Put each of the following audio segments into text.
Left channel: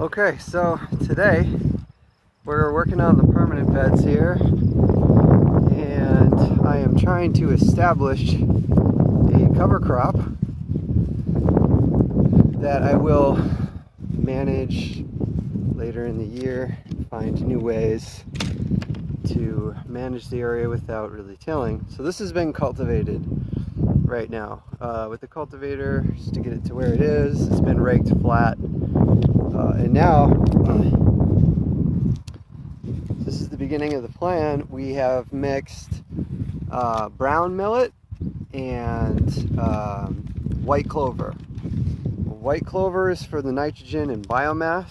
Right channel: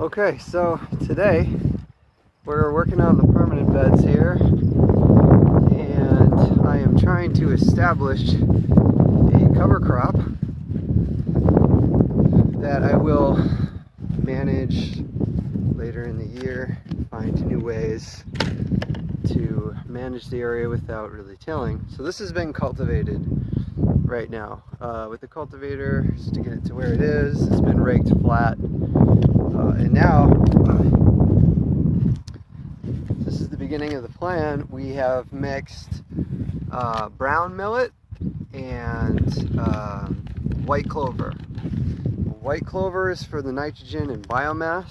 Okay, so today we're working on the permanent beds here, and I am trying to establish a cover crop that I will manage later in the year, find new ways to manage the area without really tilling. So this has been cultivated right now with the cultivator just to get it to where it is. It's been raked flat, and now this is the beginning of the plan. We have mixed brown millet and white clover. White clover is for the nitrogen and biomass,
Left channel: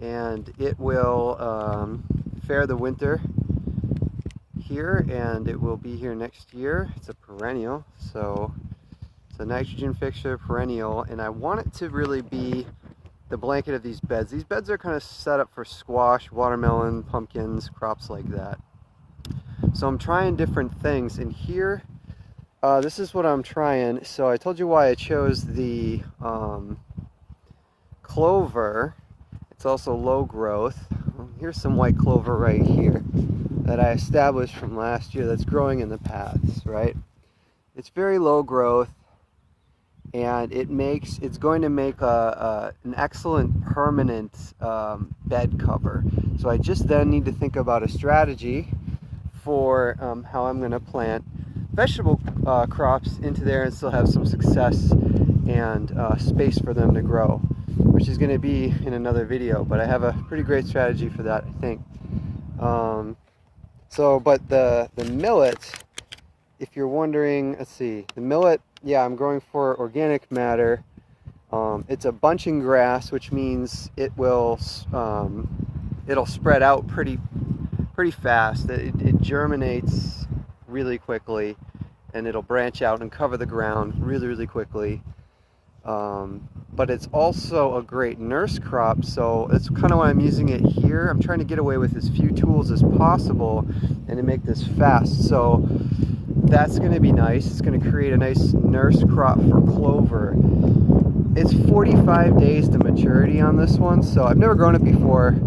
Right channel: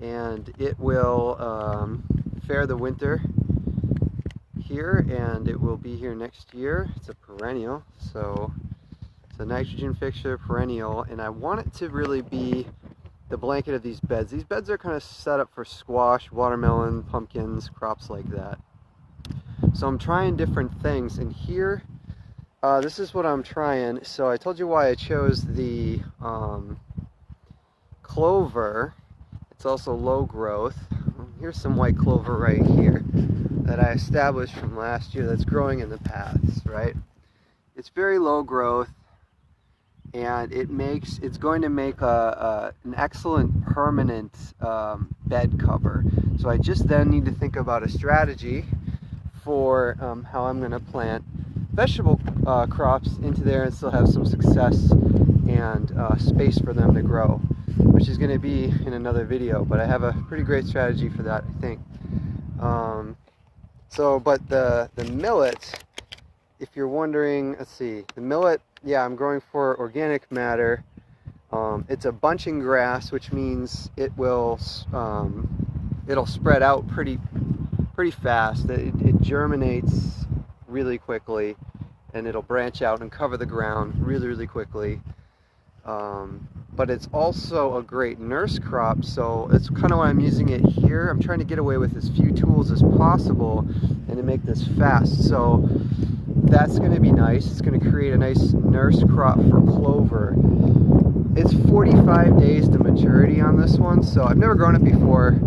and it will fare the winter here, and it will be here next year. It's a perennial, so it's a nitrogen fixture, perennial, and I want it to really be the blanket of these beds. These beds are kind of set up for squash, watermelon, pumpkins, crops like that. So I'm trying different things, and here this is what I'm trying. So I told you why I chose the clover. It's also low growth. Here's some white clover right here that I established from last year that's growing in the paths, right? It's very low growth, and it's going to make an excellent permanent bed cover. So I just then need to think about a strategy for how I'm going to plant vegetable crops into there and still have some success and space for them to grow, which is going to be in another video, but I have a pretty great strategy for that, I think. But the millet, if you're wondering, let's see, the millet, yeah, I'm growing for organic matter. It's a bunching grass, which means it will it'll spread out pretty fast. It germinates really quickly, and it'll branch out and cover the ground really quickly. But it's also a great nurse crop, so it's kind of why I'm using it here. I'm trying to get away with as few tools as possible and to make this fast. So that's going to be nice. It's going to create a nice nurse crop for clover. It's 45 days to maturity on this one, so I've never grown it before,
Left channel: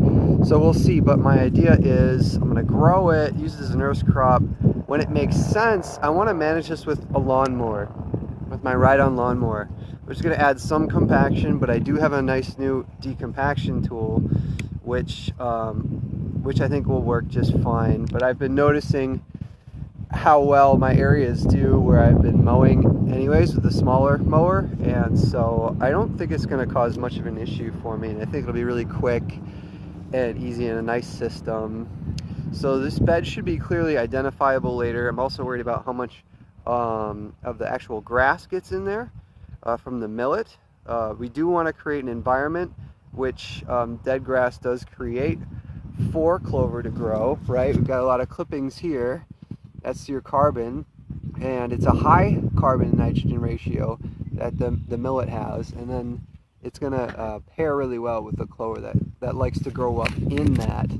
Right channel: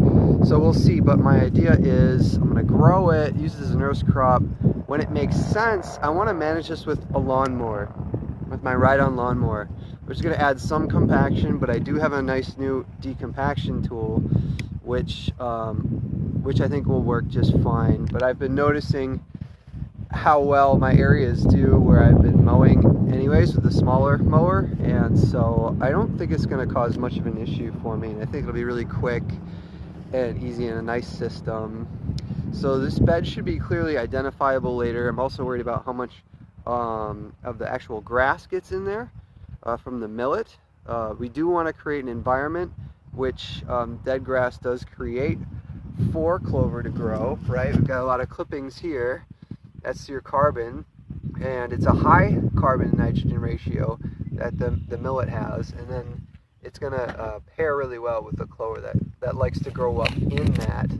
so we'll see. But my idea is I'm going to grow it, use it as a nurse crop. When it makes sense, I want to manage this with a lawnmower, with my ride-on lawnmower. We're just going to add some compaction, but I do have a nice new decompaction tool, which I think will work just fine. But I've been noticing how well my areas do where I've been mowing anyways with a smaller mower, and so I don't think it's going to cause much of an issue for me, and I think it'll be really quick and easy and a nice system. So this bed should be clearly identifiable later. I'm also worried about how much of the actual grass gets in there from the millet. We do want to create an environment which dead grass does create for clover to grow, right? We've got a lot of clippings here. That's your carbon, and it's a high carbon and nitrogen ratio that the millet has, and then it's going to pair really well with the clover that likes to grow up in that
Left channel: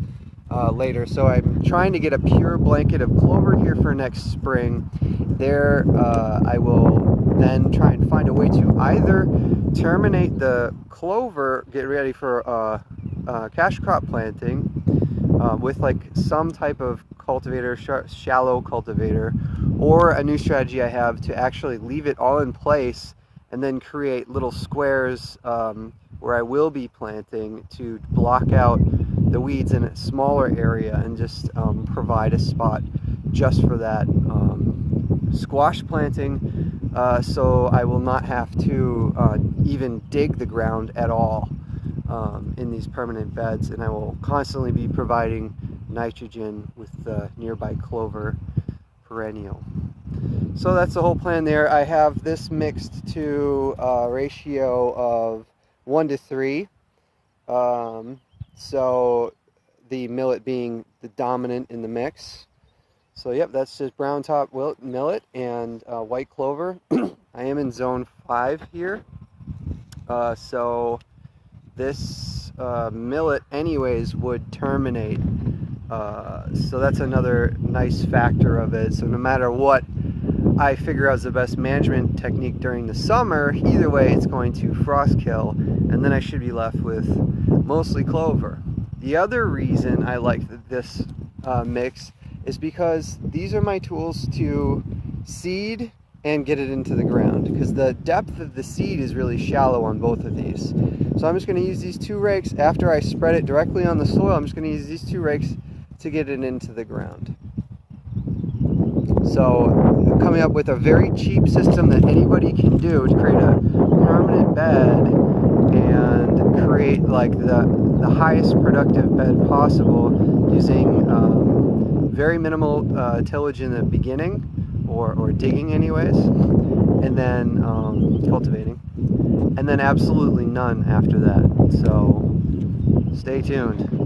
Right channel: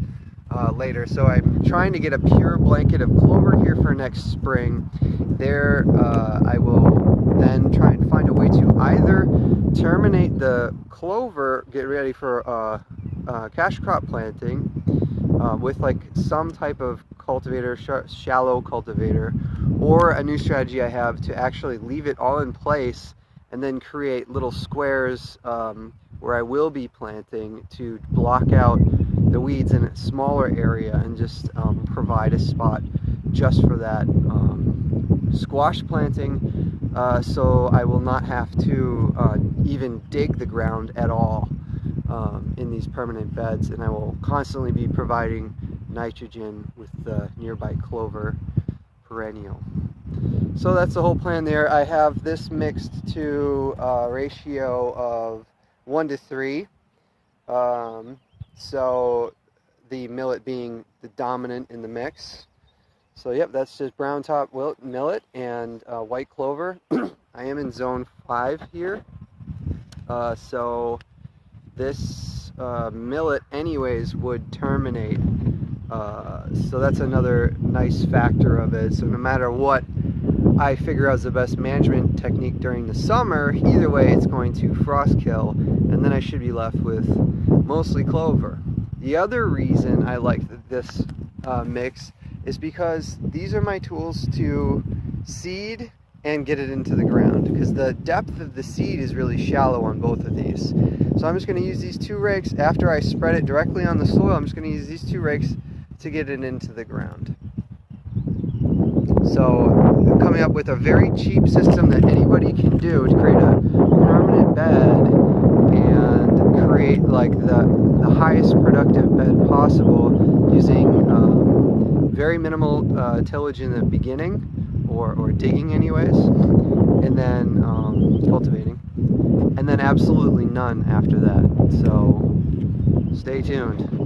later. So I'm trying to get a pure blanket of clover here for next spring. There I will then try and find a way to either terminate the clover, get ready for cash crop planting with like some type of cultivator, shallow cultivator, or a new strategy I have to actually leave it all in place and then create little squares where I will be planting to block out the weeds in a smaller area and just provide a spot just for that squash planting, so I will not have to even dig the ground at all in these permanent beds, and I will constantly be providing nitrogen with the nearby clover perennial. So that's the whole plan there. I have this mixed to a ratio of 1 to 3. So the millet being the dominant in the mix. So yep, that's just brown top millet and white clover. I am in zone 5 here. So this millet anyways would terminate. So that's another nice factor of it. So no matter what I figure out is the best management technique during the summer, either way it's going to frost kill and then I should be left with mostly clover. The other reason I like this mix is because these are my tools to seed and get it into the ground, because the depth of the seed is really shallow on both of these. So I'm just going to use these 2 rakes. After I spread it directly on the soil, I'm just going to use these 2 rakes to get it into the ground. So coming up with a very cheap system that anybody can do to create a permanent bed and create like the highest productive bed possible using very minimal tillage in the beginning, or digging anyways, and then cultivating, and then absolutely none after that. So stay tuned.